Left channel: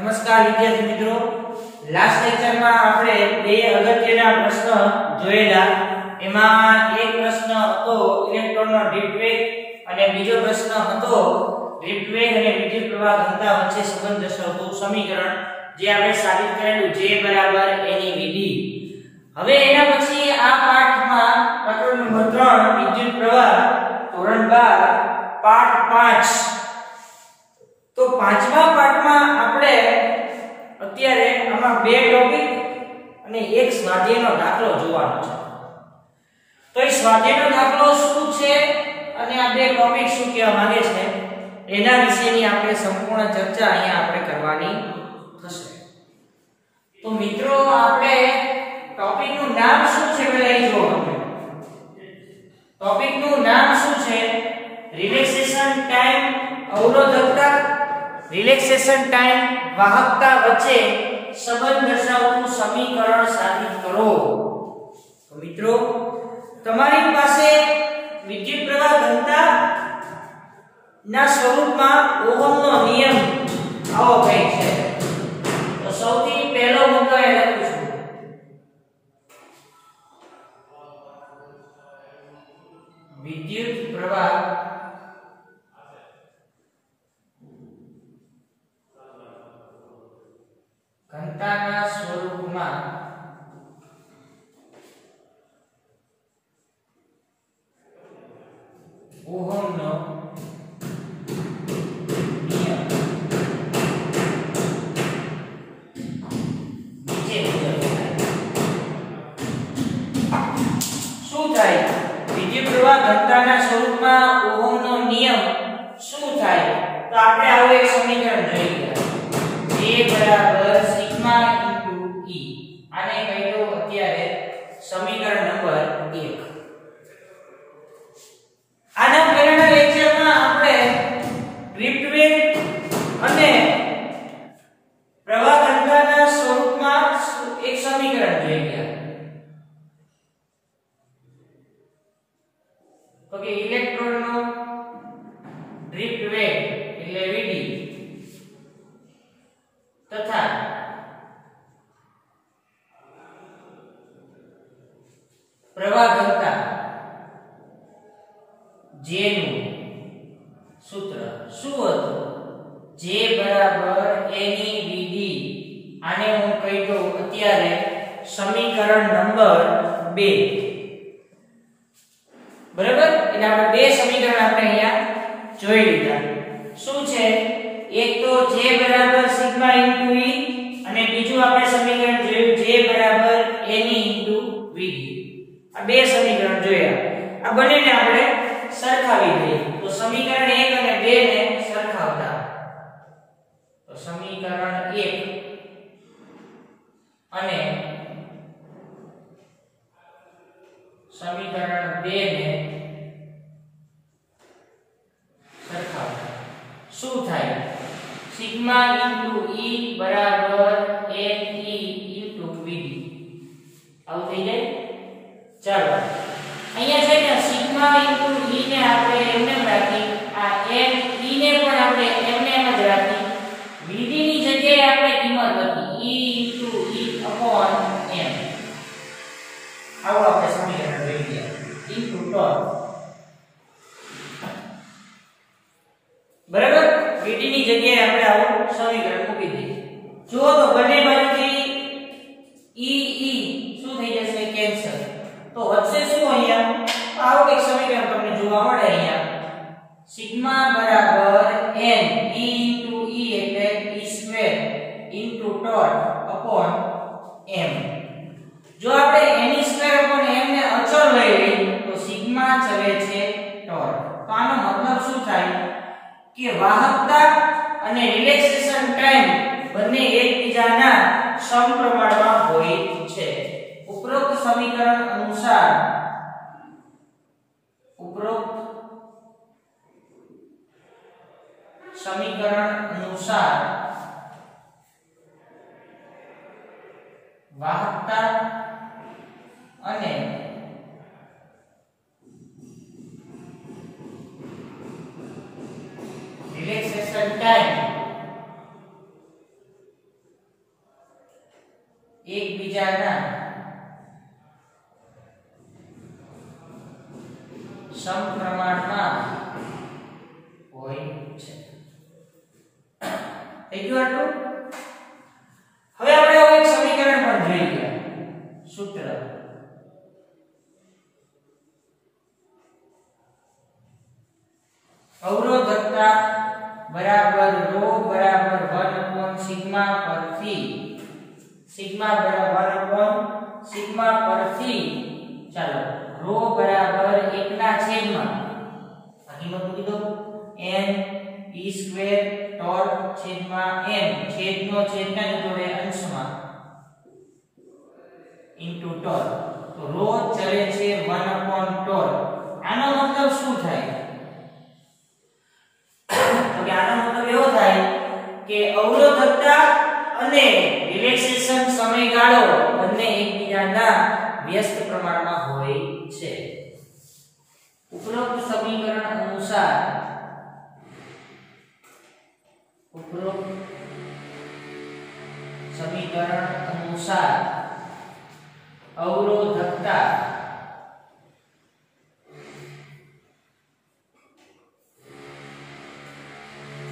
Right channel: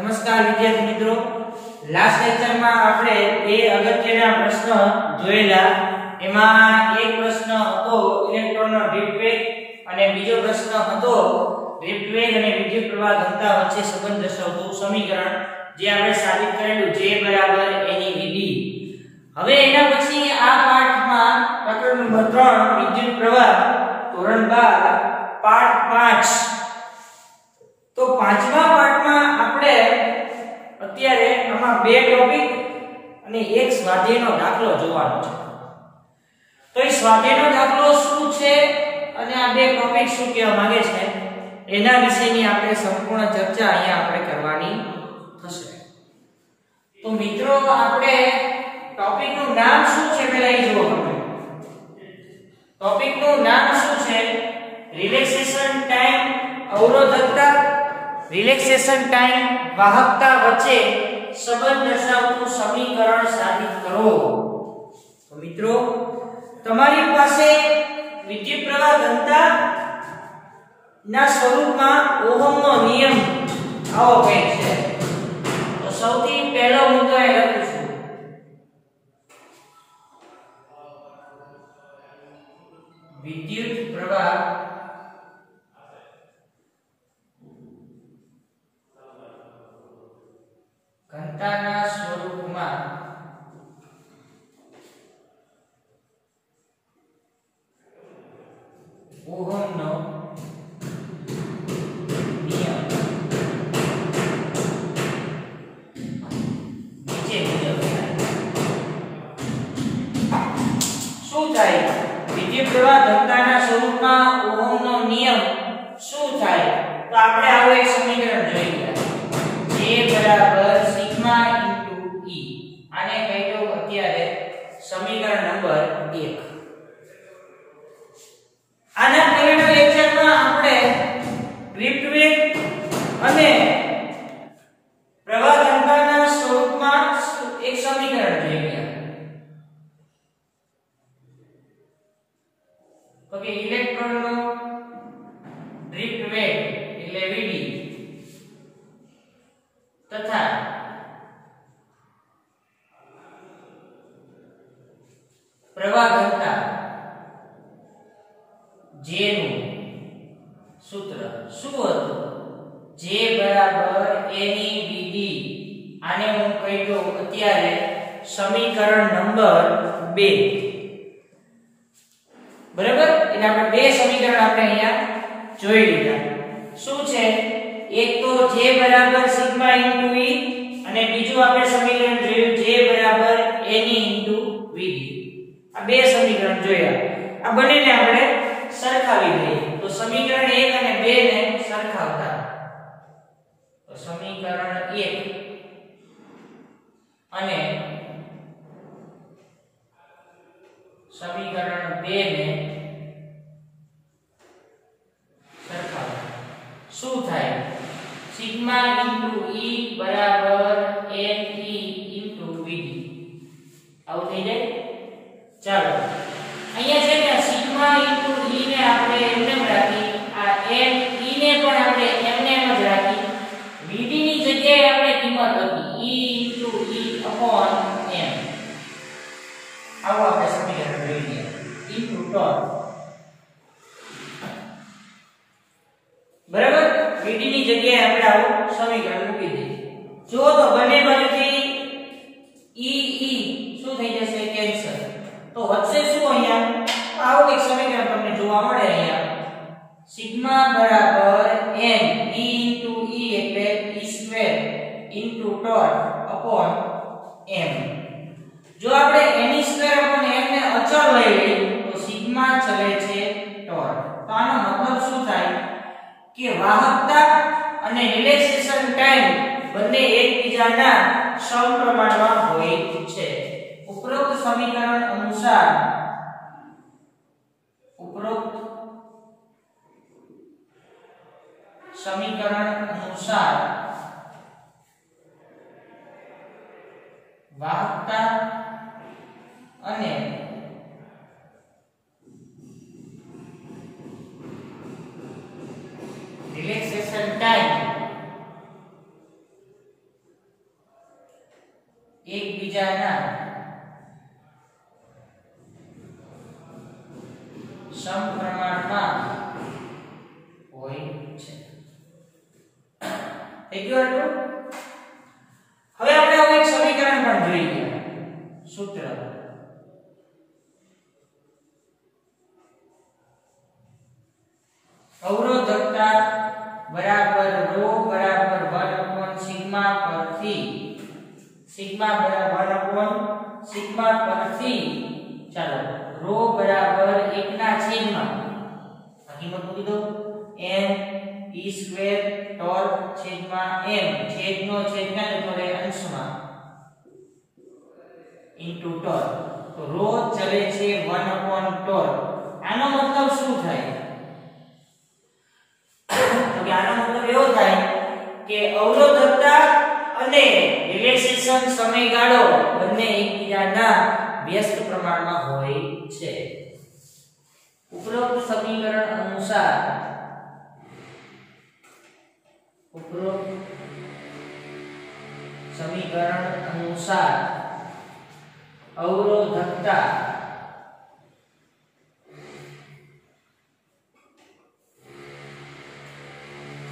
નમસ્કાર વિદ્યાર્થી મિત્રો, લાસ્ટ લેક્ચરમાં આપણે બે અગત્યના પ્રશ્ન જોયેલા. એમાં એક પ્રશ્ન હતો ઇલેક્ટ્રોનનો ડ્રિફ્ટ વેગ અને બીજો પ્રશ્ન હતો ડ્રિફ્ટ વેગ અને વિદ્યુત પ્રવાહ ઘનતા વચ્ચે સંબંધ દર્શાવતું સમીકરણ, જે આપણે સાબિત કરેલું J = NEVD. હવે એના પછી આ પાઠમાં પ્રકરણ નંબર 3 વિદ્યુત પ્રવાહ ધોરણ 12 પાઠ 5. તો પાંચમા પાઠમાં આપણે અત્યારે આમાં બે ટોપિક અને એક સ્વાધ્યાયનો દાખલો જોવાનો છે. તો એ સ્વાધ્યાયનો દાખલો શું છે અને આ બે ટોપિક શું કહેવા માંગે છે એના વિશેની આપણે સંપૂર્ણ ચર્ચા અહીંયા આપણે કરવાની થશે. તો મિત્રો, આપણે ટોપિકનું નામ શું છે પહેલા એ જુઓ. ટોપિકનું નામ શું છે? રિલેક્સેશન ટાઈમ અવરોધકતા, રિલેક્સેશન ટાઈમ વાહકતા વચ્ચે સંબંધ દર્શાવતું સમીકરણ સાબિત કરો. તો મિત્રો, તમારી પાસે વિદ્યુત પ્રવાહ ઘનતા ના સ્વરૂપમાં ઓહમનો નિયમ આવો કંઈક છે. તો સૌથી પહેલો મુદ્દો એ લખું છું, વિદ્યુત પ્રવાહ ઘનતાના સ્વરૂપમાં ઓહમનો નિયમ નીચે મુજબ શું થાય? વિદ્યુત પ્રવાહ ઘનતાના સ્વરૂપમાં ઓહમનો નિયમ શું થાય? તો આપણે આવું એક સમીકરણ જોઈ ગયા, J = સિગ્મા * E. આને કહી દો અત્યારે સમીકરણ નંબર 1. આના પહેલાના લેક્ચરમાં આપણે ડ્રિફ્ટ વેગ અને પ્રવાહ ઘનતાના સ્વરૂપમાં એક સમીકરણ જોઈ ગયા. તો કે ઇલેક્ટ્રોનનો ડ્રિફ્ટ વેગ એટલે Vd તથા પ્રવાહ ઘનતા J નું સૂત્ર શું હતું? J = NEVD. આને હું કહી દઉં અત્યારે સમીકરણ નંબર 2. બરાબર? એટલે આપણે બે સમીકરણ આપણે અહીંયા જોઈ લીધા. શું છે? એક તો J = સિગ્મા * E અને બીજું આપણે સમીકરણ જોયું J = NE * VD. આ બે સમીકરણ જોયા. આ બંનેને આપણે સરખાવી દઈએ. તો સમીકરણ 1 અને 2 ને સરખાવતા, તો સમીકરણ 1 અને સમીકરણ 2 ને સરખાવતા શું થાય? Sigma * E = NE * VD. આવું થઈ જાય. ચાલો, અહીંયા છે ને સિગ્મા * E ને આપણે એમને જ રાખી, આ n E ને પણ આપણે એમને એમ જ રાખી. VD ની જગ્યાએ આપણે કિંમત હતી E * E/m. આવો આપણે સમીકરણ જોઈ ગયા ઇન્ટુ ટોર્ક. બરાબર? VD ની જગ્યાએ આપણે આવું સમીકરણ મૂકી દઈએ. જો તો બંને બાજુથી E શું થઈ જશે? કેન્સલ. તો વચ્ચે શું અહીંયા આવું એક સમીકરણ તમને જોવા મળે અહીંયા, સિગ્મા = n E * E એટલે E² ટોર્ક / m. જો આપણે Ne² / m ને અચળ લઈ લઈએ તો સિગ્મા ચલે છે ટોર્ક. તો આનો મતલબ શું થાય કે વાહકતા અને રિલેક્સેશન ટાઈમ બંને એકબીજાના સમપ્રમાણમાં હોય છે. ઉપરોક્ત સમીકરણ અનુસાર વાહકતા અને રિલેક્સેશન ટાઈમ એકબીજાના સમપ્રમાણમાં હોય છે. થઈ ગયું આટલું? હવે આપણે એક સમીકરણ પણ જોઈ ગયા. સૂત્ર અવરોધકતા બરાબર રો બરાબર 1 સિગ્મા પરથી સિગ્મા બરાબર 1 સિગ્મા પરથી ચાલો રો બરાબર 1 ના છેદમાં હકીકત મૂકી દો n e સ્ક્વેર ટોર છેદમાં m છેદનો છેદના જતો રહે અંશમાં ઇન્ટુ ટોર. તો રો ચલે છે 1 ટોર. આનો મતલબ શું થાય? તો કે આનો મતલબ એવો થાય કે અવરોધકતા અને રિલેક્સેશન સમયગાળો બંને એકબીજાના વ્યસ્ત પ્રમાણમાં હોય છે. ઉપરોક્ત સમીકરણ અનુસાર અવરોધકતા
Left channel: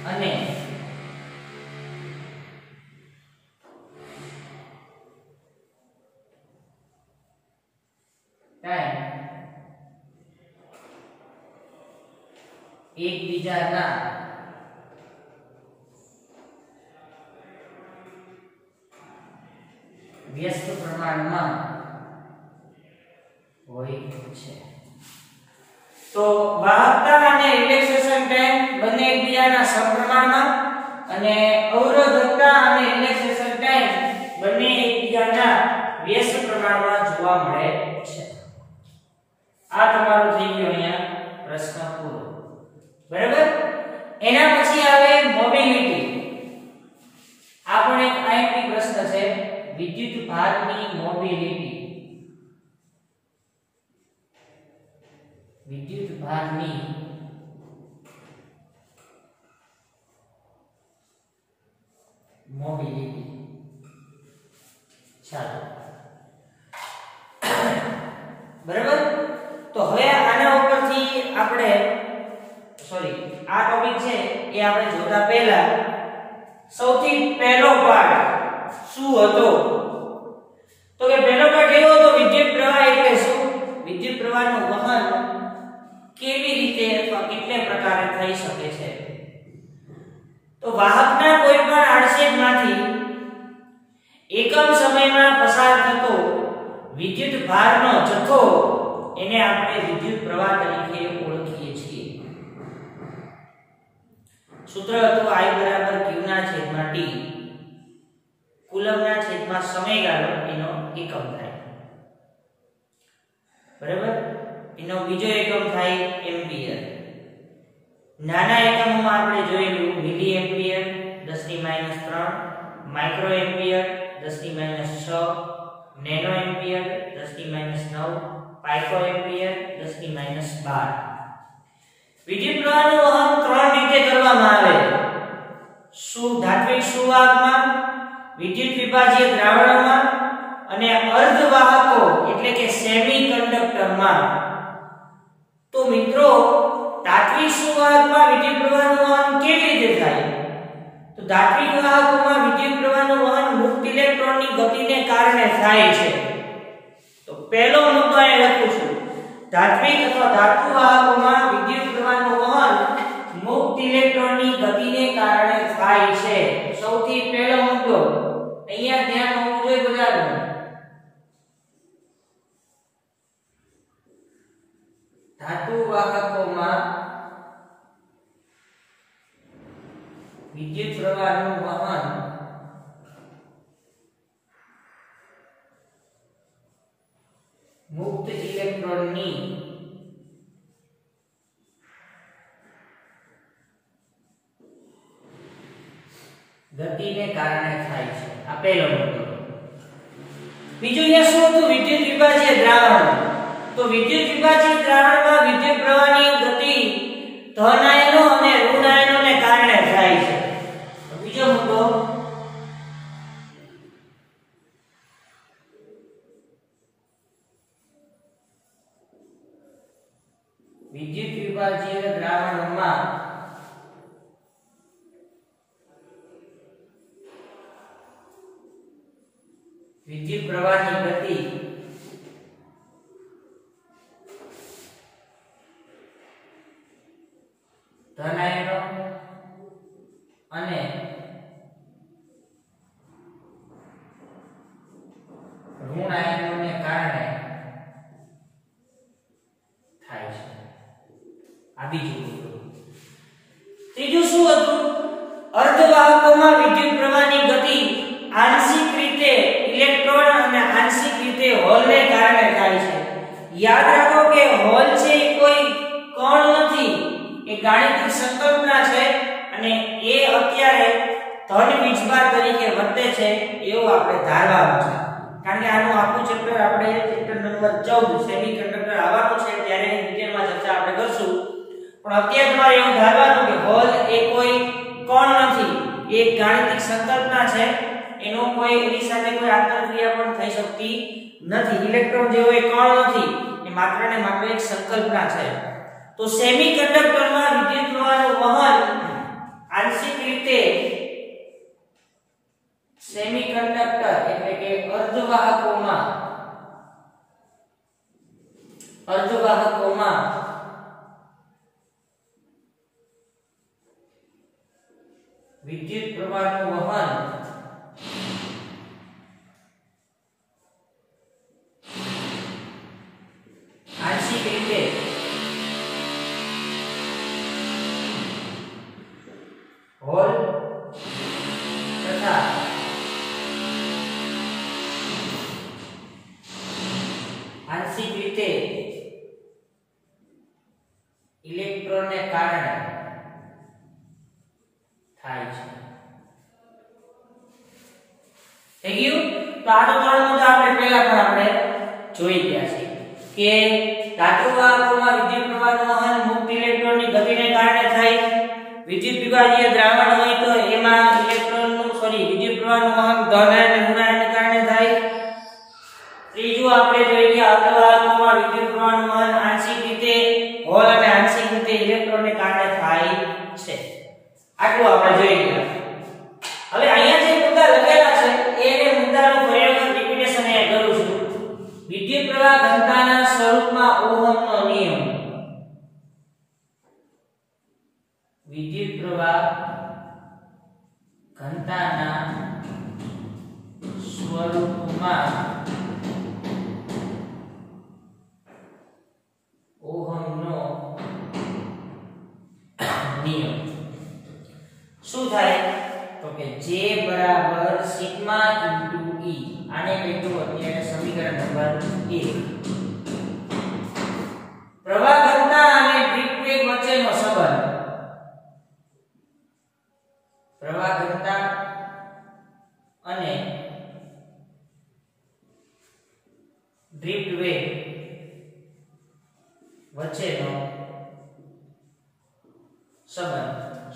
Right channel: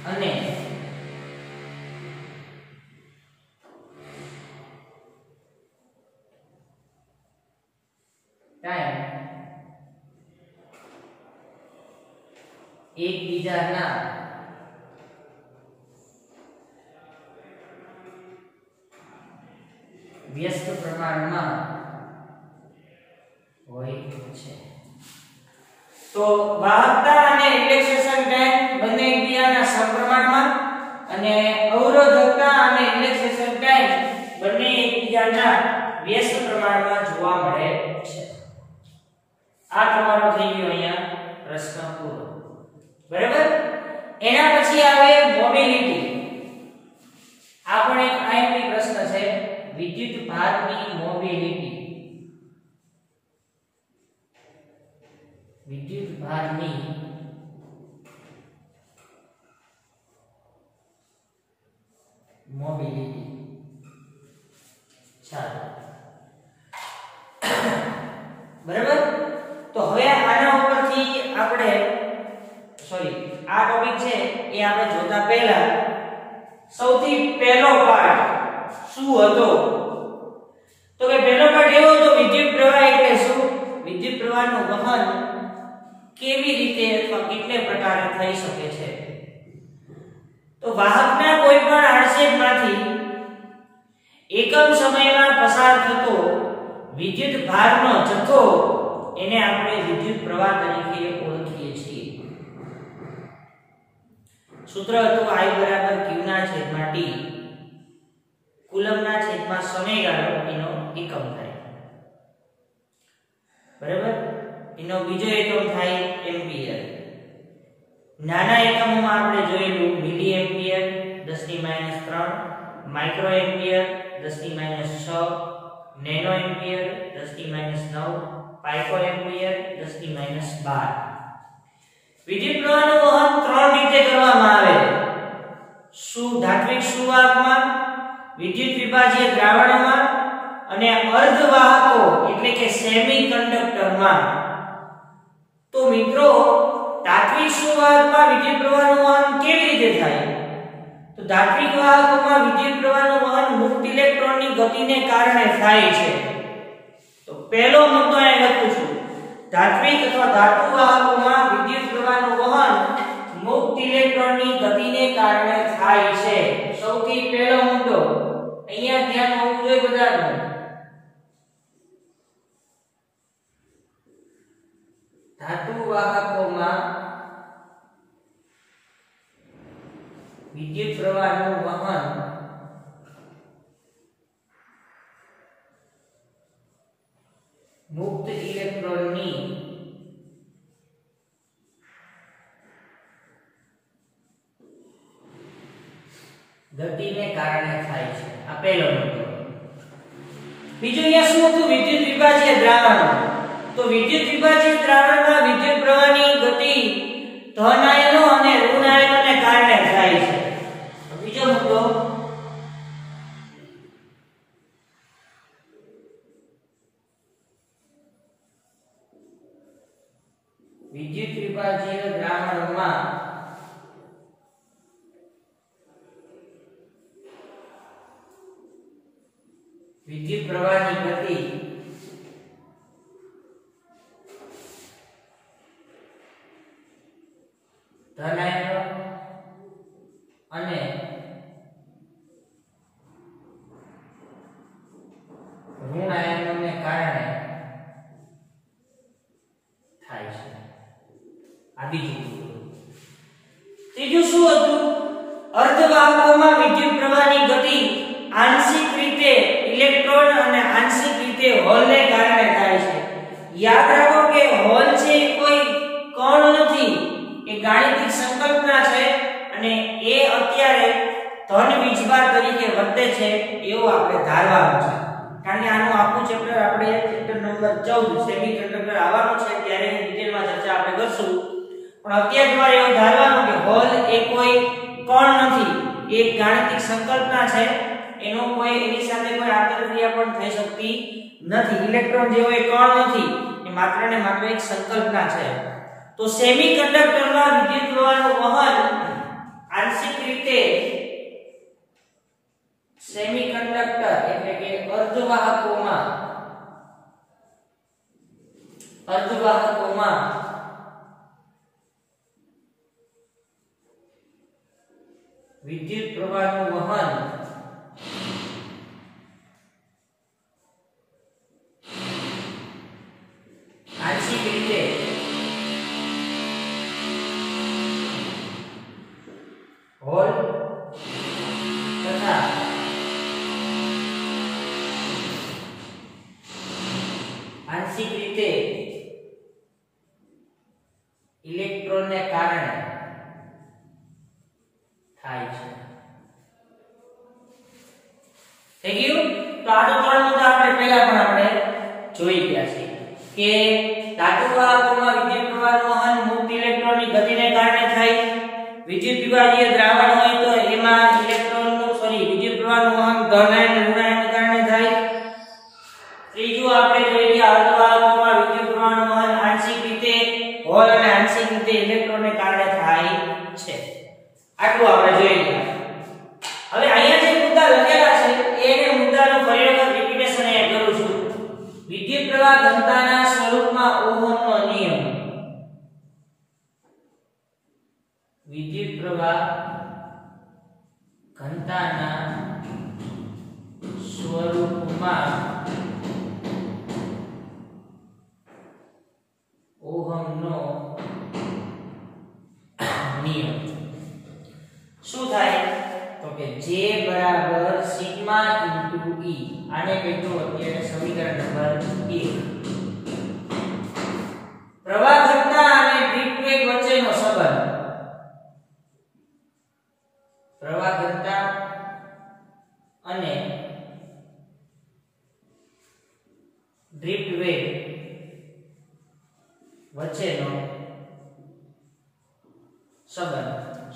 અને ટાઈમ એકબીજાના વ્યસ્ત પ્રમાણમાં હોય છે. તો વાહકતા અને રિલેક્સેશન ટાઈમ બંને એકબીજાના સમપ્રમાણમાં અને અવરોધકતા અને રિલેક્સેશન ટાઈમ બંને એકબીજાના વ્યસ્ત પ્રમાણમાં જોવા મળે છે. આ તમારો થઈ ગયો અહીંયા પ્રશ્ન પૂરો. બરાબર? એના પછી આવે મોબિલિટી. આ પણ એક આઈએમપી પ્રશ્ન છે. વિદ્યુત ભારની મોબિલિટી. વિદ્યુત ભારની મોબિલિટી. ચાલો બરાબર. તો હવે આના ઉપરથી આપણે આ ટોપિક છે એ આપણે જોતા પહેલા સૌથી પહેલો પાઠ શું હતો? તો કે પહેલો પાઠ એવો હતો વિદ્યુત પ્રવાહ એટલે શું? વિદ્યુત પ્રવાહનું વહન કેવી રીતે અથવા કેટલા પ્રકારે થઈ શકે છે? તો વાહકના કોઈ પણ આડછેદમાંથી એકમ સમયમાં પસાર થતો વિદ્યુત ભારનો જથ્થો એને આપણે વિદ્યુત પ્રવાહ તરીકે ઓળખીએ છીએ. સૂત્ર હતું I બરાબર Q ના છેદમાં T. કુલમના છેદમાં સમયગાળો એનો એકમ થાય. બરાબર? એનો બીજો એકમ થાય એમ્પિયર. નાના એકમોમાં આપણે જોયેલું milli ampere 10⁻³ micro ampere 10⁻6 nano ampere 10⁻9 pico ampere 10⁻12. વિદ્યુત પ્રવાહનું વહન 3 રીતે કરવામાં આવે. ધાત્વિક સુવાહકમાં, વિદ્યુત વિભાજ્ય દ્રાવણોમાં અને અર્ધવાહકો એટલે કે સેમી કંડક્ટરમાં. તો મિત્રો ધાત્વિક સુવાહકમાં વિદ્યુત પ્રવાહનું વહન કેવી રીતે થાય? તો ધાત્વિક વાહકોમાં વિદ્યુત પ્રવાહનું વહન મુક્ત ઇલેક્ટ્રોનની ગતિને કારણે થાય છે. તો પહેલો મુદ્દો અહીં લખું છું. ધાત્વિક અથવા ધાતુ વાહકોમાં વિદ્યુત પ્રવાહનું વહન મુક્ત ઇલેક્ટ્રોનની ગતિને કારણે થાય છે. સૌથી પહેલો મુદ્દો અહીંયા ધ્યાન હોવું જોઈએ બધાનું. ધાતુ વાહકોમાં વિદ્યુત પ્રવાહનું વહન મુક્ત ઇલેક્ટ્રોનની ગતિને કારણે થાય છે. આ પહેલો મુદ્દો. બીજું અહીંયા શું હતું? વિદ્યુત વિભાજ્ય દ્રાવણ. તો વિદ્યુત વિભાજ્ય દ્રાવણમાં વિદ્યુત પ્રવાહની ગતિ ધન આયનો અને ઋણ આયનોને કારણે થાય છે. બીજો મુદ્દો વિદ્યુત વિભાજીય દ્રાવણોમાં વિદ્યુત પ્રવાહની ગતિ ધન આયનો અને ઋણ આયનોને કારણે થાય છે. આ બીજું. ત્રીજું શું હતું? અર્ધવાહકોમાં વિદ્યુત પ્રવાહની ગતિ આંશિક રીતે ઇલેક્ટ્રોન અને આંશિક રીતે હોલને કારણે થાય છે. યાદ રાખો કે હોલ છે એ કોઈ કણ નથી, એ ગાણિતિક સંકલ્પના છે અને એ અત્યારે ધન વીજભાર તરીકે વર્તે છે એવું આપણે ધારવાનું છે. કારણ કે આનું આખું ચેપ્ટર આપણે ચેપ્ટર નંબર 14 સેમિકન્ડક્ટર આવવાનું છે ત્યારે ડિટેલમાં ચર્ચા આપણે કરશું. પણ અત્યારે તમારે એવું ધારવાનું કે હોલ એ કોઈ કણ નથી, એ એક ગાણિતિક સંકલ્પના છે, એનો કોઈ એની સાથે કોઈ આંતરક્રિયા પણ થઈ શકતી નથી. ઇલેક્ટ્રોન જેવો એ કણ નથી, એ માત્ર ને માત્ર એક સંકલ્પના છે. તો સેમિકન્ડક્ટરમાં વિદ્યુત પ્રવાહનું વહન આંશિક રીતે સેમિકન્ડક્ટર એટલે કે અર્ધવાહકોમાં વિદ્યુત પ્રવાહનું વહન આંશિક રીતે હોલ તથા આંશિક રીતે ઇલેક્ટ્રોનને કારણે થાય છે. થઈ ગયું? તો આ તો ત્રણ મુદ્દા આપણે પહેલા પણ આપણે જોઈ ગયા છે કે ધાતુ વાહકોમાં વિદ્યુત પ્રવાહનું વહન મુક્ત ઇલેક્ટ્રોનની ગતિને કારણે થાય. વિદ્યુત વિભાજીય દ્રાવણ હોય તો એમાં વિદ્યુત પ્રવાહનું વહન ધન અને ઋણ આયનને કારણે થાય. ત્રીજું આપણે જોઈ ગયા અર્ધવાહકોમાં વિદ્યુત પ્રવાહનું વહન આંશિક રીતે હોલ અને આંશિક રીતે ઇલેક્ટ્રોનને કારણે થાય છે. આટલું આપણે જોઈ ગયા. હવે અહીંયા જે મુદ્દા લખેલા છે એને મુદ્દાનું ફરી વખત રિપીટેશન અહીંયા કરું છું. વિદ્યુત પ્રવાહ ઘનતાના સ્વરૂપમાં ઓહમનો નિયમ. વિદ્યુત પ્રવાહ ઘનતાના સ્વરૂપમાં ઓહમનો નિયમ શું થાય? તો કે J બરાબર સિગ્મા ઇન્ટુ E. આને કહેતો અત્યારે સમીકરણ નંબર 1. પ્રવાહ ઘનતા અને ડ્રીપ વેગ વચ્ચેનો સંબંધ. પ્રવાહ ઘનતા અને ડ્રીપ વેગ વચ્ચેનો સંબંધ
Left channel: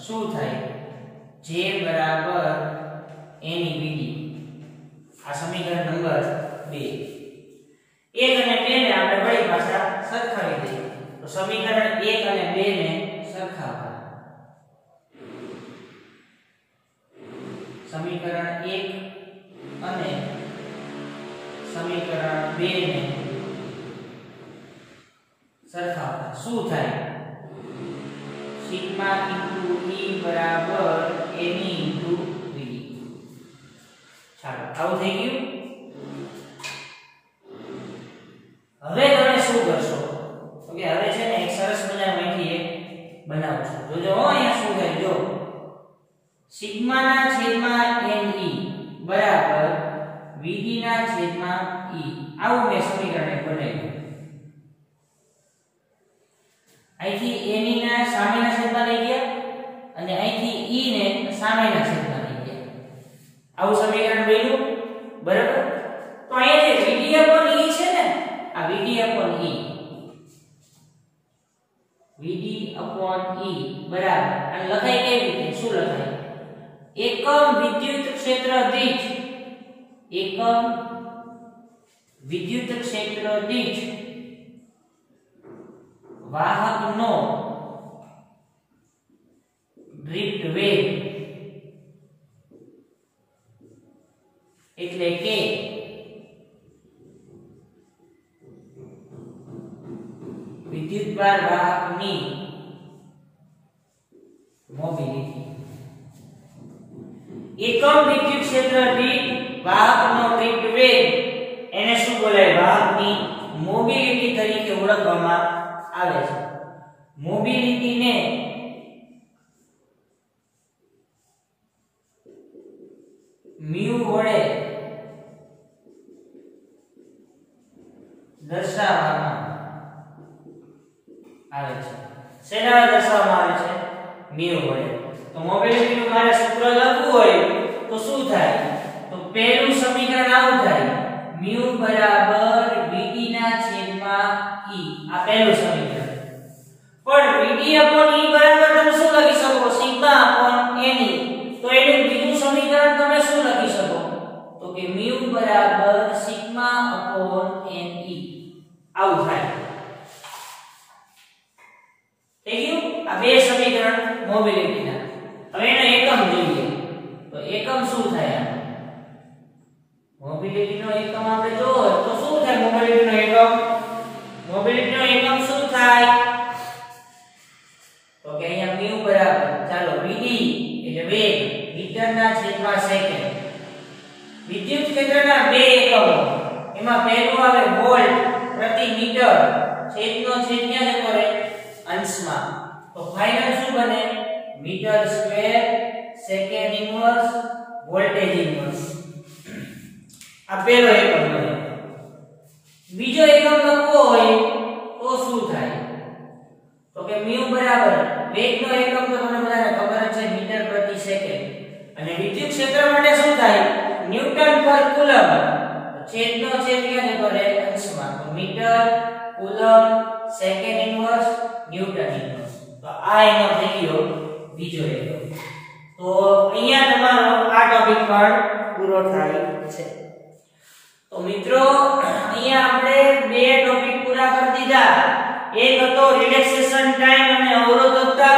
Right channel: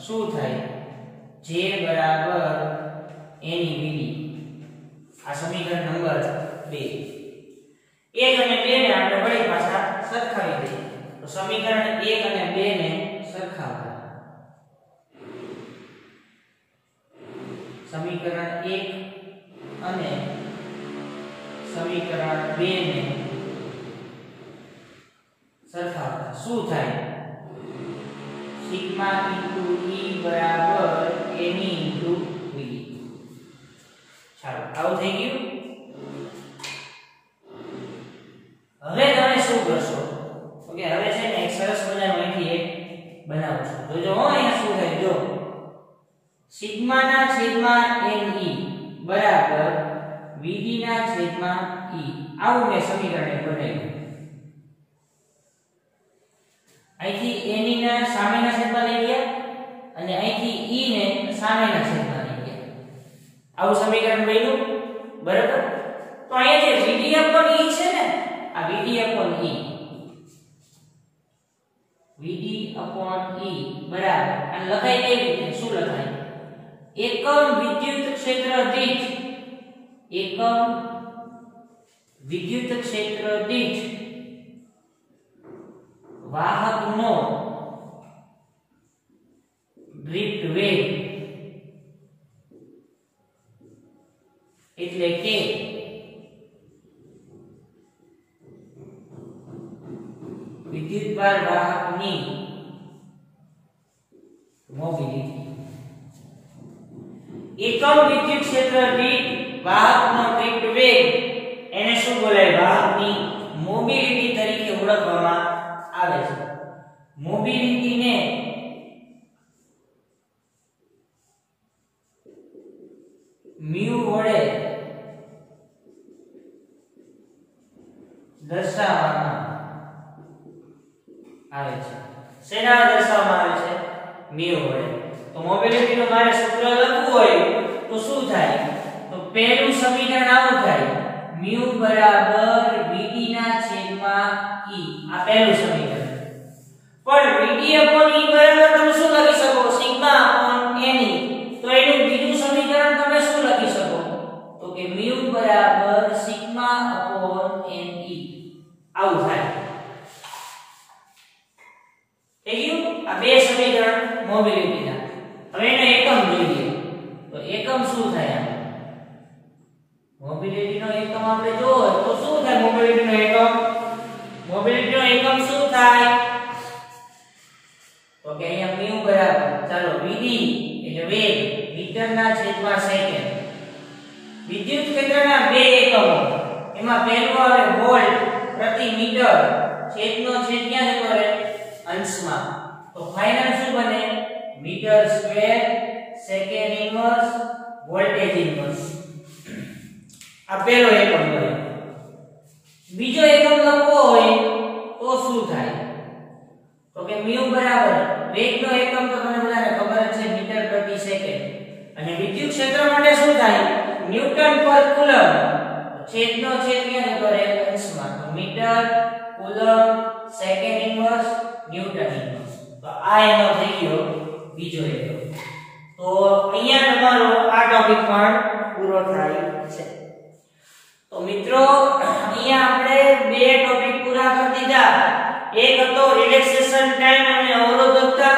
શું થાય? J બરાબર NVD. આ સમીકરણ નંબર 2. 1 અને 2 ને આપણે વળી પાછા સરખાવી દઈએ. તો સમીકરણ 1 અને 2 ને સરખાવવા. સમીકરણ 1 અને સમીકરણ 2 ને સરખાવવા શું થાય? સિગ્મા ઇન્ટુ E બરાબર Ne ઇન્ટુ Vd. ચાલો આવું થઈ ગયું. હવે તમે શું કરશો? ઓકે, હવે છે ને એક સરસ મજાનું અહીંથી એક બનાવું છું. જોજો અહીંયા શું થાય. જો સિગ્મા ના છેદમાં Ne બરાબર Vd ના છેદમાં E. આવું મેં સમીકરણ બનાવ્યું. અહીંથી Ne ના સામેના છેદમાં લઈ ગયા અને અહીંથી E ને સામેના છેદમાં લઈ ગયા. આવું સમીકરણ બન્યું. બરાબર? તો અહીંયા જે Vd upon E છે ને, આ Vd upon E બરાબર અને લખાય કેવી રીતે? શું લખાય? એકમ વિદ્યુત ક્ષેત્ર દીઠ વાહકનો ડ્રિફ્ટ વેગ એટલે કે વિદ્યુતભાર વાહકની મોબિલિટી એકમ વિદ્યુત ક્ષેત્ર દીઠ વાહકનો ડ્રિફ્ટ વેગ એને શું બોલાય વાહકની મોબિલિટી તરીકે ઓળખવામાં આવે છે મોબિલિટી ને મ્યુ વડે દર્શાવવામાં આવે છે શેના દર્શાવવામાં આવે છે મ્યુ વડે તો મોબિલિટી નું મારે સૂત્ર લખવું હોય તો શું થાય તો પહેલું સમીકરણ આવું થાય મ્યુ બરાબર vt ના છેદમાં e આ પહેલું સમીકરણ પણ vt upon e બરાબર તમે શું લખી શકો સિગ્મા upon ne તો એનું બીજું સમીકરણ તમે શું લખી શકો તો કે મ્યુ બરાબર સિગ્મા upon ne આવું થાય આ બે સમીકરણ મોબિલિટીના હવે એનો એકમ જોઈએ તો એકમ શું થાય મોબિલિટીનો એકમ આપણે જોવો તો શું થાય મોબિલિટીનો એકમ શું થાય તો કે અહીંયા મ્યુ બરાબર ચાલો vd એટલે વેગ મીટરના છેદમાં સેકન્ડ વિદ્યુત ક્ષેત્રના બે એકમો એમાં પહેલું આવે વોલ્ટ પ્રતિ મીટર છેદનો છેદ ક્યાં જતો રહે અંશમાં તો ફાઇનલ શું બને metre square second inverse voltage inverse આ પહેલો એકમ બને બીજો એકમ લખવો હોય તો શું થાય તો કે મ્યુ બરાબર વેગનો એકમ તો તમને બધાને ખબર જ છે મીટર પ્રતિ સેકન્ડ અને વિદ્યુત ક્ષેત્ર માટે શું થાય ન્યૂટન પર કુલમ છેદનો છેદ ક્યાં જતો રહે અંશમાં તો metre coulomb second inverse newton inverse તો આ એનો થઈ ગયો બીજો એકમ તો અહીંયા તમારો આ ટોપિક પણ પૂરો થાય છે તો મિત્રો અહીંયા આપણે બે ટોપિક પૂરા કરી દીધા એક હતો રિલેક્સેશન ટાઈમ અને અવરોધકતા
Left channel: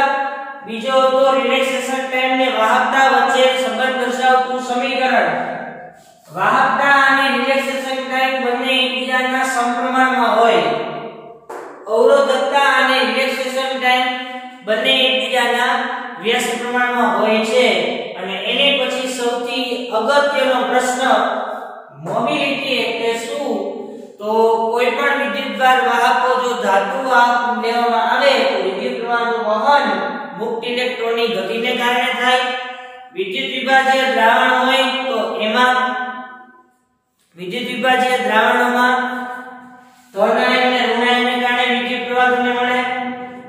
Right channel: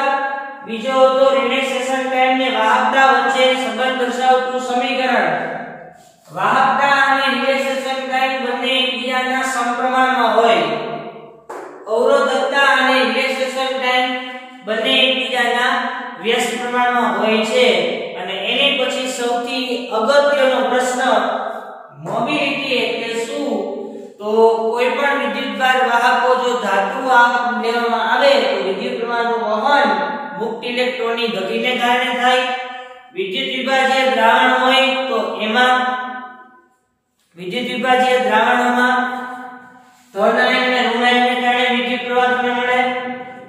બીજો હતો રિલેક્સેશન ટાઈમ ને વાહકતા વચ્ચે સંબંધ દર્શાવતું સમીકરણ વાહકતા અને રિલેક્સેશન ટાઈમ બંને એકબીજાના સમપ્રમાણમાં હોય અવરોધકતા અને રિલેક્સેશન ટાઈમ બંને એકબીજાના વ્યસ્ત પ્રમાણમાં હોય છે અને એને પછી સૌથી અગત્યનો પ્રશ્ન મોબિલિટી એટલે શું તો કોઈ પણ વિદ્યુતભાર વાહકો જો ધાતુ લેવામાં આવે તો વિદ્યુત પ્રવાહનું વહન મુક્ત ઇલેક્ટ્રોનની ગતિને કારણે થાય વિદ્યુત વિભાજ્ય દ્રાવણ હોય તો એમાં વિદ્યુત વિભાજ્ય દ્રાવણોમાં ધન આયન અને ઋણ આયનને કારણે વિદ્યુત પ્રવાહ તમને મળે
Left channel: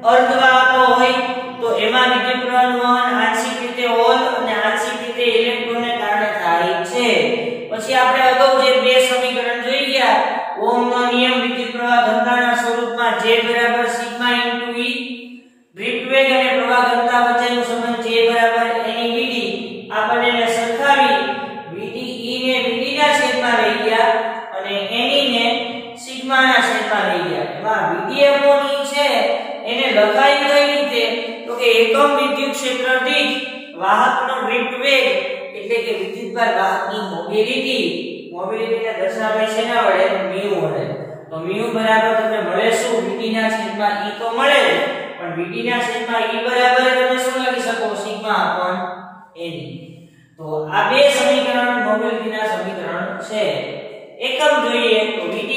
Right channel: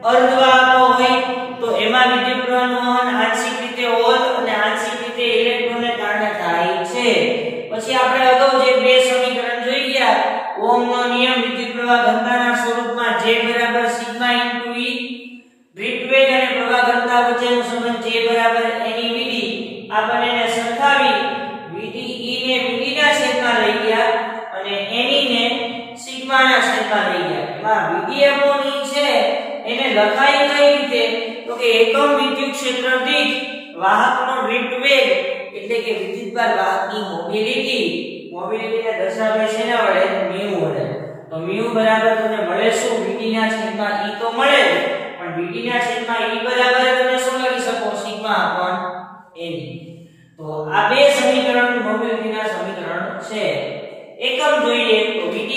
અર્ધવાહકો હોય તો એમાં વિદ્યુત પ્રવાહનું વહન આંશિક રીતે હોલ અને આંશિક રીતે ઇલેક્ટ્રોનને કારણે થાય છે પછી આપણે અગાઉ જે બે સમીકરણ જોઈ ગયા ઓહમનો નિયમ વિદ્યુત પ્રવાહ ઘનતાના સ્વરૂપમાં J બરાબર સિગ્મા ઇન્ટુ E ડ્રિફ્ટ વેગ અને પ્રવાહ ઘનતા વચ્ચેનો સંબંધ J બરાબર NeVd આ બંનેને સરખાવી Vd E ને Vd ના છેદમાં લઈ ગયા અને Ne ને સિગ્મા ના છેદમાં લઈ ગયા એમાં Vd upon E છે એને લખાય કઈ રીતે તો કે એકમ વિદ્યુત ક્ષેત્ર દીઠ વાહકનો ડ્રિફ્ટ વેગ એટલે કે વિદ્યુતભાર વાહકની મોબિલિટીને દર્શાવાય છે એના વડે મ્યુ વડે તો મ્યુ બરાબર તમને મળે શું Vd ના છેદમાં E તો મળે પણ Vd ના છેદમાં E બરાબર તમે શું લખી શકો સિગ્મા upon Ne તો આ બે સમીકરણ મોબિલિટીના સમીકરણ છે એકમ જોઈએ તો Vd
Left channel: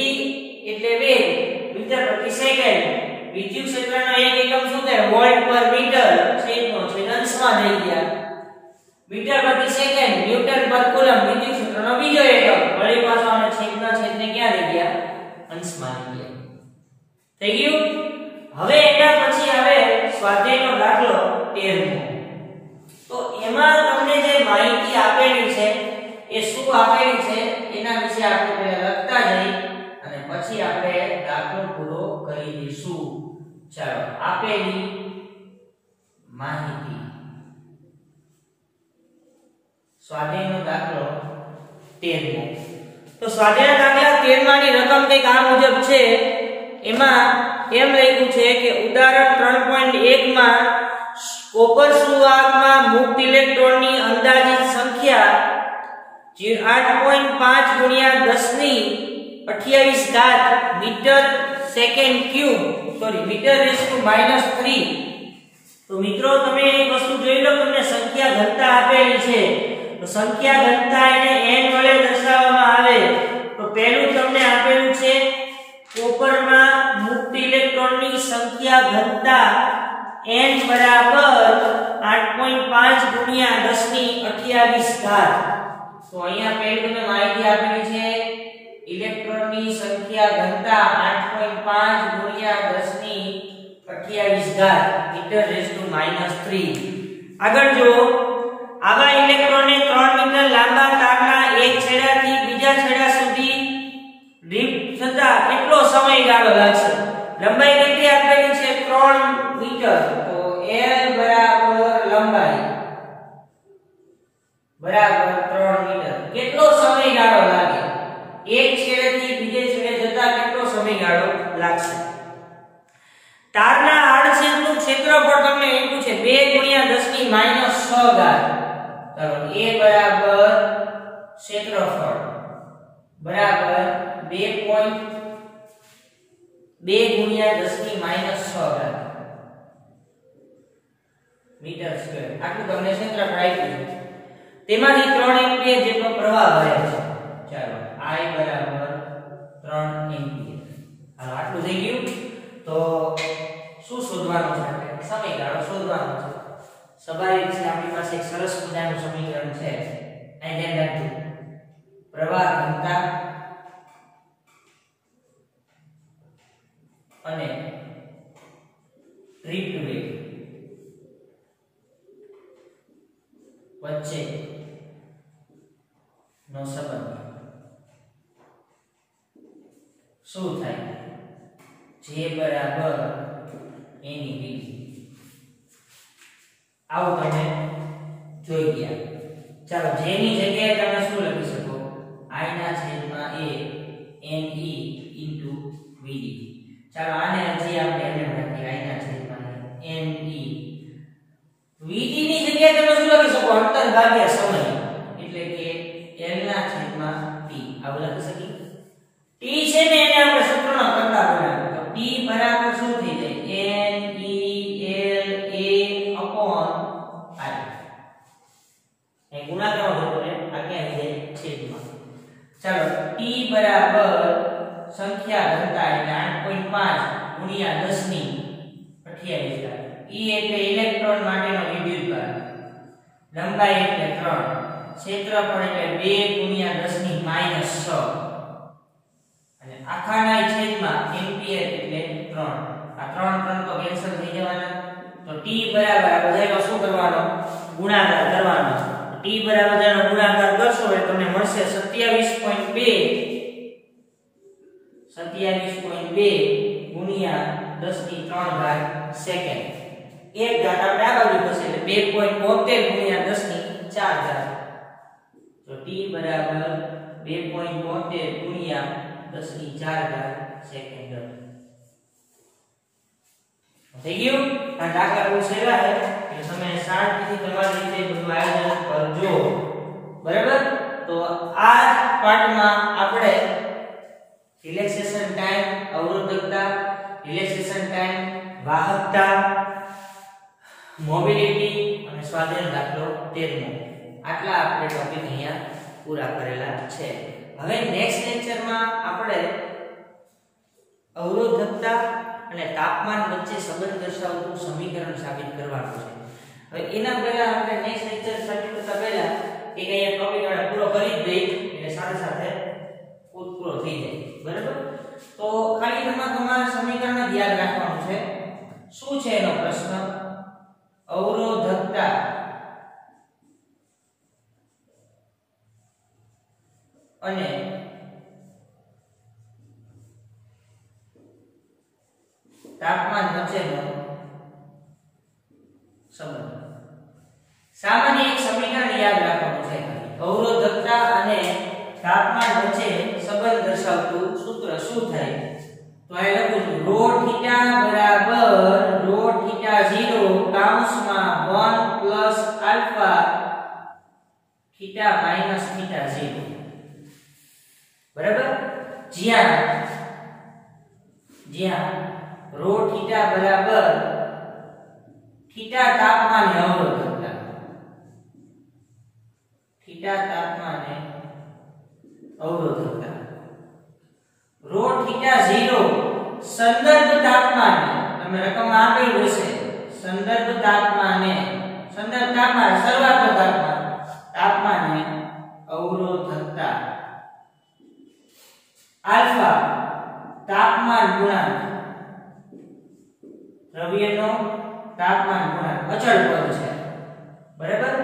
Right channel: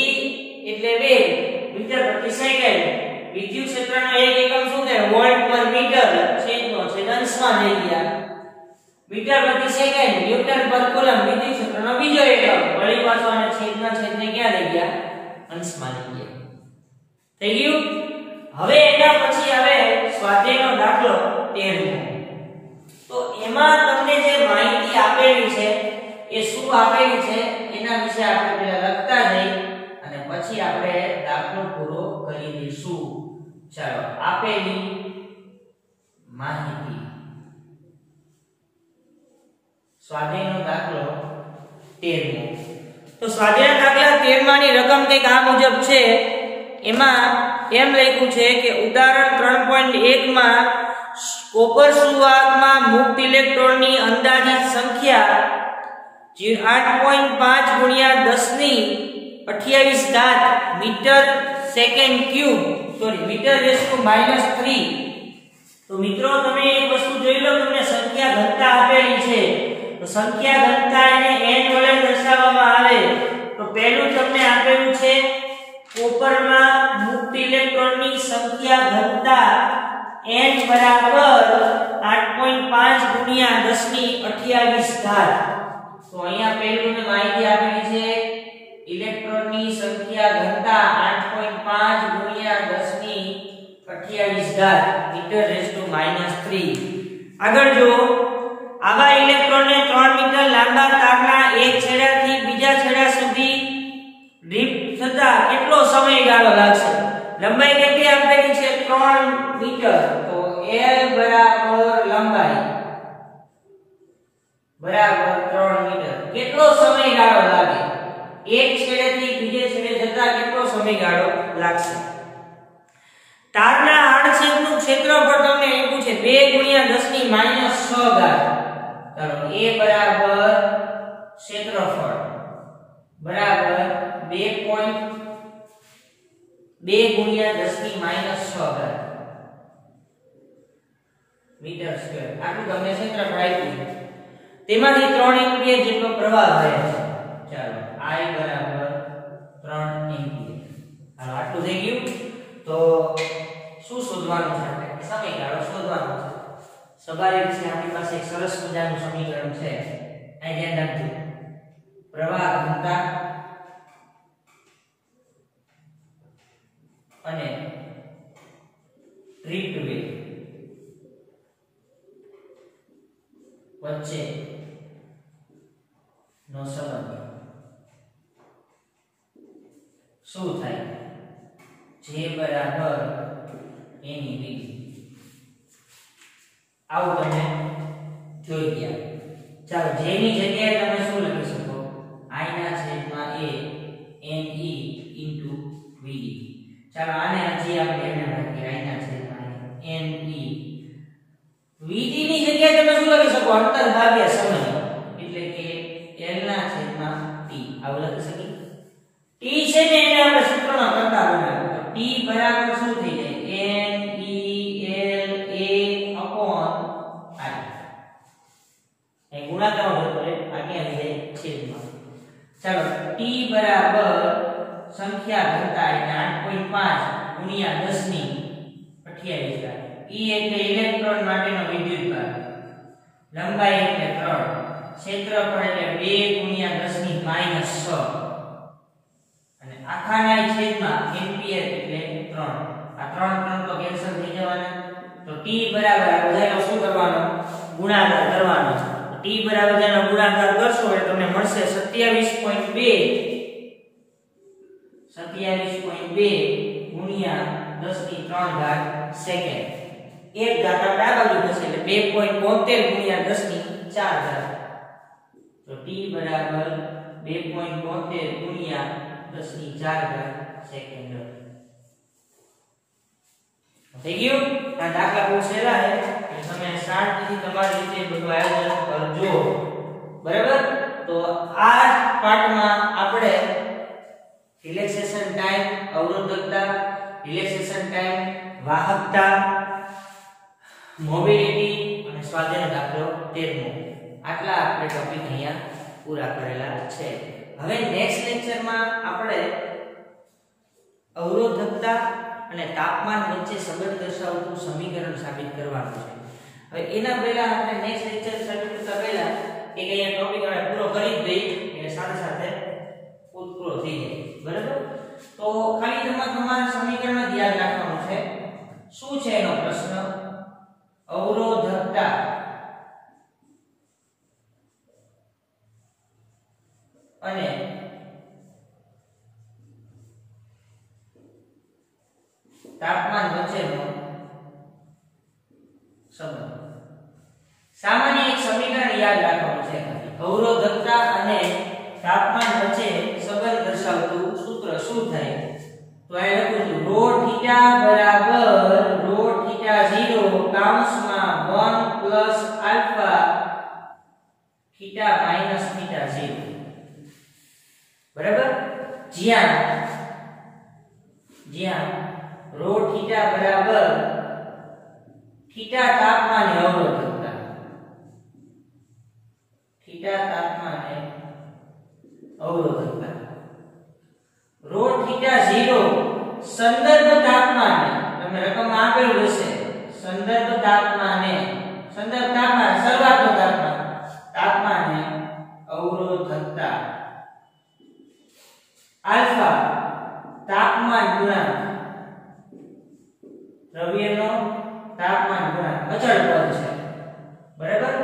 એટલે વેગ મીટર પ્રતિ સેકન્ડ વિદ્યુત ક્ષેત્રનો એક એકમ શું થાય વોલ્ટ પર મીટર છેદનો છેદ અંશમાં લઈ ગયા મીટર પ્રતિ સેકન્ડ ન્યૂટન પર કુલમ વિદ્યુત ક્ષેત્રનો બીજો એકમ વળી પાછો અને છેદના છેદને ક્યાં લઈ ગયા અંશમાં લઈ ગયા થઈ ગયું હવે એના પછી આવે સ્વાધ્યાયનો દાખલો 13મો તો એમાં તમને જે માહિતી આપેલી છે એ શું આપેલી છે એના વિશે આપણે પહેલા લખતા જઈએ અને પછી આપણે દાખલો પૂરો કરી દઈશું ચાલો આપેલી માહિતી સ્વાધ્યાયનો દાખલો 13મો તો સ્વાધ્યાયના દાખલા 13 ની રકમ કંઈક આ મુજબ છે એમાં એમ લખ્યું છે કે ઉદાહરણ 3.1 માં કોપર સુવાહકમાં મુક્ત ઇલેક્ટ્રોનની અંદાજિત સંખ્યા 8.5 ગુણ્યા 10 ની 28 ઘાત metre second cube metre raise to -3. તો મિત્રો તમે એક વસ્તુ જોઈ લો, તમને સંખ્યા ઘનતા આપેલી છે, તો સંખ્યા ઘનતા એને n વડે દર્શાવવામાં આવે. તો પહેલું તમને આપેલું છે કોપરમાં મુક્ત ઇલેક્ટ્રોનની સંખ્યા ઘનતા n બરાબર 8.5 ગુણ્યા 10 ની 28 ઘાત. તો અહીંયા પહેલું તમને માહિતી આપેલી છે ઇલેક્ટ્રોનની સંખ્યા ઘનતા 8.5 ગુણ્યા 10 ની 28 ઘાત મીટર રેસ ટુ -3. આગળ જો આવા ઇલેક્ટ્રોનને 3 મીટર લાંબા તારના એક છેડાથી બીજા છેડા સુધી ડ્રિફ્ટ થતા કેટલો સમયગાળો લાગશે? લંબાઈ કેટલી આપેલી છે? 3 મીટર. તો l બરાબર લંબાઈ બરાબર 3 મીટર. કેટલો સમયગાળો લાગે? એક છેડેથી બીજે છેડે જતા કેટલો સમયગાળો લાગશે? તારના આડછેદનું ક્ષેત્રફળ તમને આપ્યું છે 2 ગુણ્યા 10 ની -6 ઘાત. ચાલો a બરાબર ક્ષેત્રફળ બરાબર 2 ગુણ્યા 10 ની -6 ઘાત મીટર સ્ક્વેર. આટલું તમને ક્ષેત્રફળ આપ્યું. તેમાંથી 3 એમ્પિયર જેટલો પ્રવાહ વહે છે. ચાલો I બરાબર 3 એમ્પિયર. હાલો આટલું થઈ ગયું. તો શું શોધવાનું છે? સમયગાળો શોધવાનો છે. સ્વાભાવિક છે, આપણી પાસે એક સરસ મજાનું સમીકરણ છે. અહીં ધ્યાન રાખજો. પ્રવાહ ઘનતા અને ડ્રિફ્ટ વેગ વચ્ચે નો સંબંધ શું થાય? J બરાબર એની બીજી. આવું તમે જોઈ ગયા. ચાલો J ની જગ્યાએ તમે શું લખી શકો? I ના છેદમાં a ne into vd. ચાલો આને હજી આપણે એમને રાખીએ. I ના છેદમાં ne vd ની જગ્યાએ તમે શું લખી શકો? અંતર ભાગ્યા સમય, એટલે કે l ના છેદમાં t. આવું લખી શકીએ. t છે ને એને આપણે સૂત્રનો કરતા બનાવ્યો. તો t બરાબર શું થઈ જાય? n e l a upon i. એ ગુણાકાર હોતો રે આગે આવી જાય છેદમાં. ચાલો t બરાબર સંખ્યા ઘનતા એટલે 8.5 ગુણ્યા 10 ની 28 ઘાત. e એટલે ઇલેક્ટ્રોન માટેનો વિદ્યુતભાર, લંબાઈ એટલે 3, ક્ષેત્રફળ એટલે 2 ગુણ્યા 10 ની -6 અને આખાના છેદમાં એમ્પિયર એટલે 3. આ 3 તો કેન્સલ થઈ જવાના. તો t બરાબર આ બધાનો શું કરવાનો? ગુણાકાર કરવાનો. t બરાબર બધાનો ગુણાકાર કરશો એટલે તમને મળશે 27.2 ગુણ્યા 10 ની 3 ઘાત સેકન્ડ. એક ઘાત આપણે આ બાજુ થશે એટલે 2.72 ગુણ્યા 10 ની 4 ઘાત. તો t બરાબર 2.72 ગુણ્યા 10 ની 4 ઘાત સેકન્ડ. થઈ ગયું? આ દાખલા બહુ સહેલા છે કે તમે શાંતિથી તમારી રીતે બધું આયોજન કરજો. બરાબર? તો આ પાઠમાં આપણે રિલેક્સેશન ટાઈમ, અવરોધકતા, રિલેક્સેશન ટાઈમ, વાહકતા, મોબિલિટી અને સ્વાધ્યાય દાખલો 13 આટલા આપણે ટોપિક અહીંયા પૂરા કરેલા છે. હવે નેક્સ્ટ લેક્ચરમાં આપણે અવરોધકતા અને તાપમાન વચ્ચે સંબંધ દર્શાવતું સમીકરણ સાબિત કરવાનું છે. હવે એના પહેલા આપણે નેક્સ્ટ લેક્ચર શરૂ કરતા પહેલા એક અહીંયા ટોપિક આપણે પૂરો કરી જ દઈએ એટલે સાથે સાથે પૂરો થઈ જાય. બરાબર? તો ખાલી તમારા સમીકરણ જ યાદ રાખવાનું છે. શું છે એનો પ્રશ્ન? અવરોધકતા અને તાપમાન વચ્ચેનો સંબંધ. સામાન્ય એક સમીકરણ યાદ રાખવાનું છે. અવરોધકતા અને તાપમાન વચ્ચે સંબંધ દર્શાવતું સૂત્ર શું થાય? તો આ લખું છું રો થીટા બરાબર રો થીટા 0 કૌંસમાં 1 plus alpha theta minus theta 0 બરાબર જ્યાં રો થીટા બરાબર થીટા તાપમાને અવરોધકતા થીટા તાપમાને અવરોધકતા રો થીટા 0 સંદર્ભ તાપમાને તમે રકમ આપેલું હશે સંદર્ભ તાપમાને શરૂઆતનું તાપમાને અવરોધકતા આલ્ફા તાપમાન ગુણાંક દ્રવ્યનો તાપમાન ગુણાંક અચળ પદ છે બરાબર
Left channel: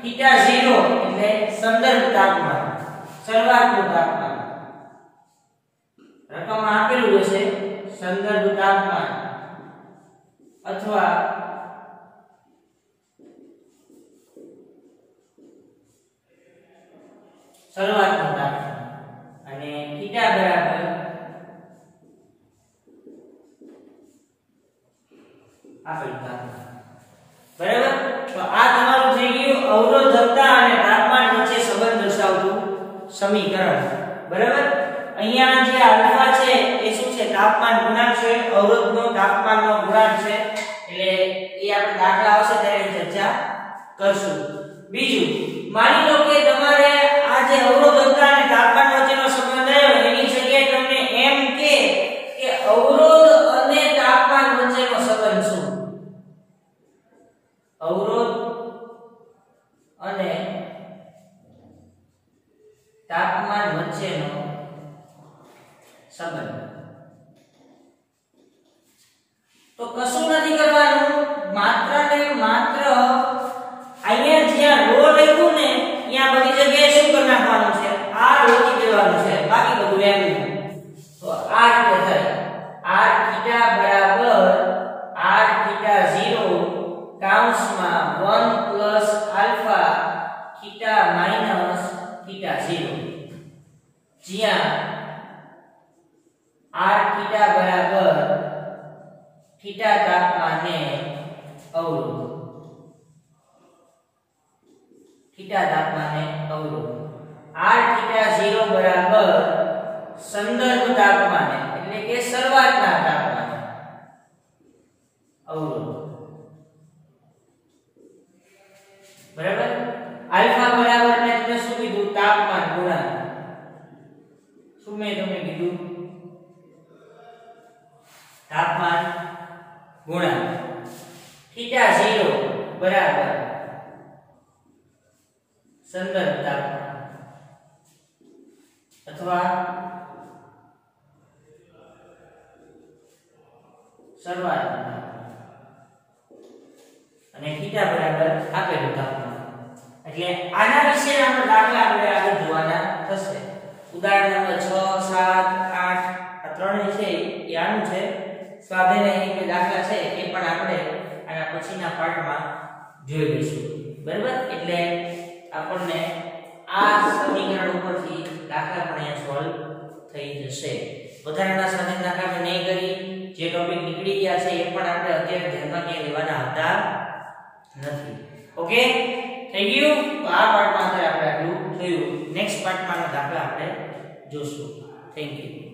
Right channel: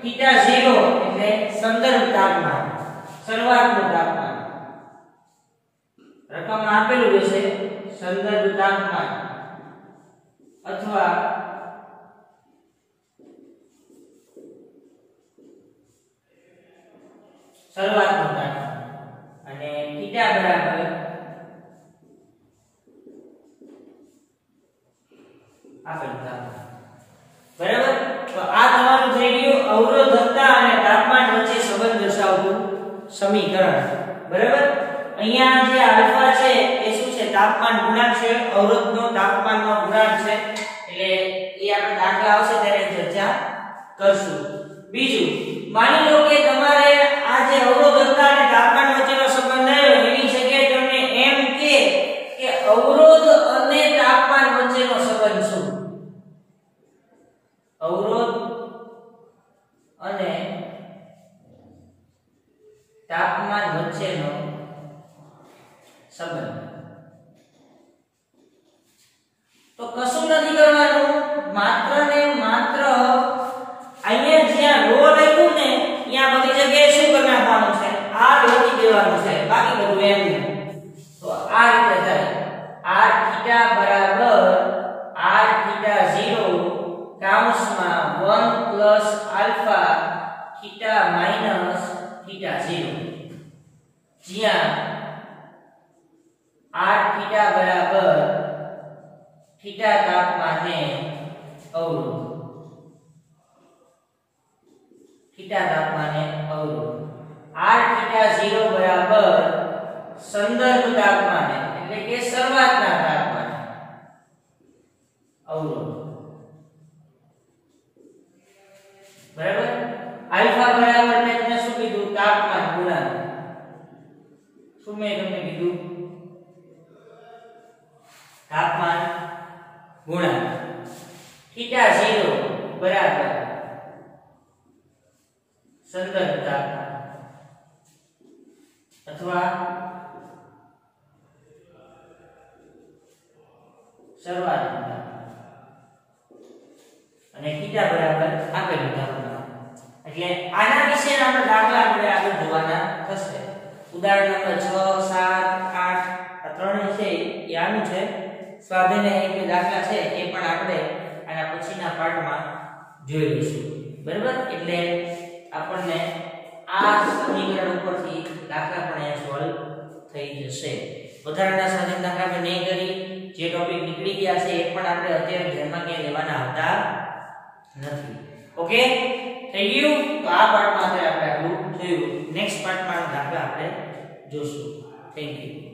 થીટા 0 એટલે સંદર્ભ તાપમાન શરૂઆતનું તાપમાન રકમ આપેલું હશે સંદર્ભ તાપમાન અથવા શરૂઆતનું તાપમાન અને થીટા બરાબર આપેલું તાપમાન બરાબર તો આ તમારું થઈ ગયું અવરોધકતા અને તાપમાન વચ્ચે સંબંધ દર્શાવતું સમીકરણ બરાબર અહીંયા જે આલ્ફા છે એ શું છે તાપમાન ગુણાંક છે અવરોધનો તાપમાનનો ગુણાંક છે એટલે એ આપણે દાખલા આવશે ત્યારે ચર્ચા કરશું બીજું માની લો કે તમારે આ જે અવરોધકતા અને તાપમાન વચ્ચેનો સંબંધ આવ્યો એની જગ્યાએ તમને એમ કે અવરોધ અને તાપમાન વચ્ચેનો સંબંધ શું અવરોધ અને તાપમાન વચ્ચેનો સંબંધ તો કશું નથી કરવાનું માત્ર ને માત્ર અહીંયા જ્યાં રો લખ્યું ને ત્યાં બધી જગ્યાએ શું કરી નાખવાનું છે આ લખી દેવાનું છે બાકી બધું એમ તો આ રીતે થાય r થીટા બરાબર r થીટા 0 કૌંસમાં 1 plus alpha theta minus theta 0 જ્યાં r થીટા બરાબર થીટા તાપમાને અવરોધ થીટા તાપમાને અવરોધ r થીટા 0 બરાબર સંદર્ભ તાપમાને એટલે કે શરૂઆતના તાપમાને અવરોધ બરાબર આલ્ફા બરાબર મેં તમને શું કીધું તાપમાન ગુણાંક શું મેં તમને કીધું તાપમાન ગુણાંક થીટા 0 બરાબર સંદર્ભ તાપમાન અથવા શરૂઆતનું તાપમાન અને થીટા બરાબર આપેલું તાપમાન એટલે આના વિશેના આપણે દાખલા આપણે આગળ જોવાના થશે ઉદાહરણ નંબર 6 7 8 આ ત્રણે છે એ આનું છે સ્વાધ્યાય કે દાખલા છે એ પણ આપણે આના પછીના પાઠમાં જોઈ લઈશું બરાબર એટલે આપણને આ સમીકરણ ઉપરથી દાખલા પણ અહીંયા સોલ્વ થઈ જશે વધારાના સ્વાધ્યાય દાખલા આપણે નહીં કરી જે ટોપિક નીકળી ગયા છે એ પણ આપણે અત્યારે ધ્યાનમાં ક્યાંય લેવાના આવતા નથી ઓકે થઈ ગયું તો આ પાઠમાં આપણે આટલું થયું નેક્સ્ટ પાર્ટમાં દાખલા આપણે જોશું થેન્ક યુ